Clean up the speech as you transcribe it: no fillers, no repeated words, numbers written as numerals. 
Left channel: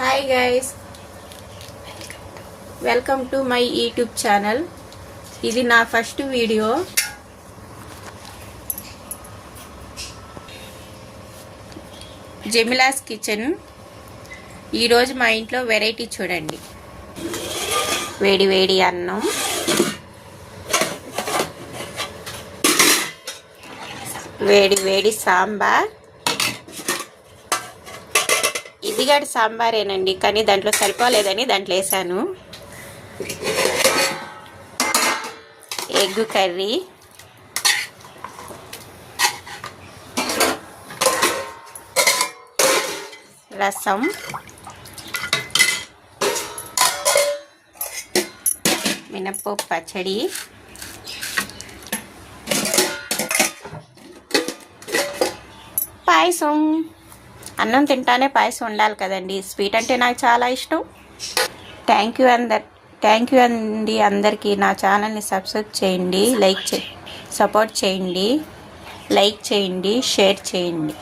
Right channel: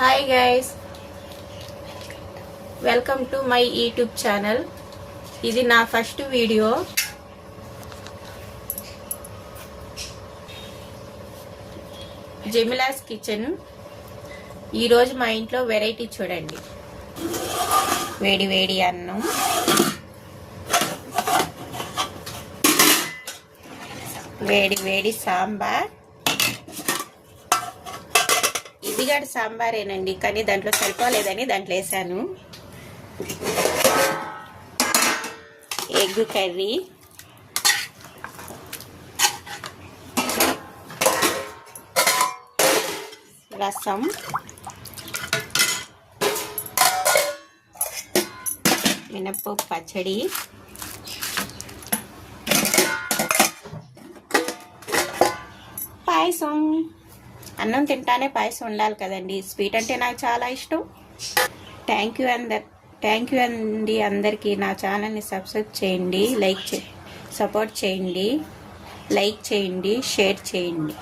Hi guys, welcome to my YouTube channel. ఇది నా first video. జెమిలాస్ kitchen. ఈరోజు మా ఇంట్లో వెరైటీ చూడండి. వేడి వేడి అన్నం, వేడి వేడి సాంబార్. ఇది కూడా సాంబారేనండి, కానీ దాంట్లో సరిపోలేదని దాంట్లో వేసాను. ఎగ్ కర్రీ, రసం, మినప్పప్పు పచ్చడి, పాయసం. అన్నం తింటానే పాయసం ఉండాలి కదండి. స్వీట్ అంటే నాకు చాలా ఇష్టం. థ్యాంక్ యూ అండి అందరికీ. నా ఛానల్ని సబ్స్క్రైబ్ చేయండి, సపోర్ట్ చేయండి, లైక్ చేయండి, షేర్ చేయండి.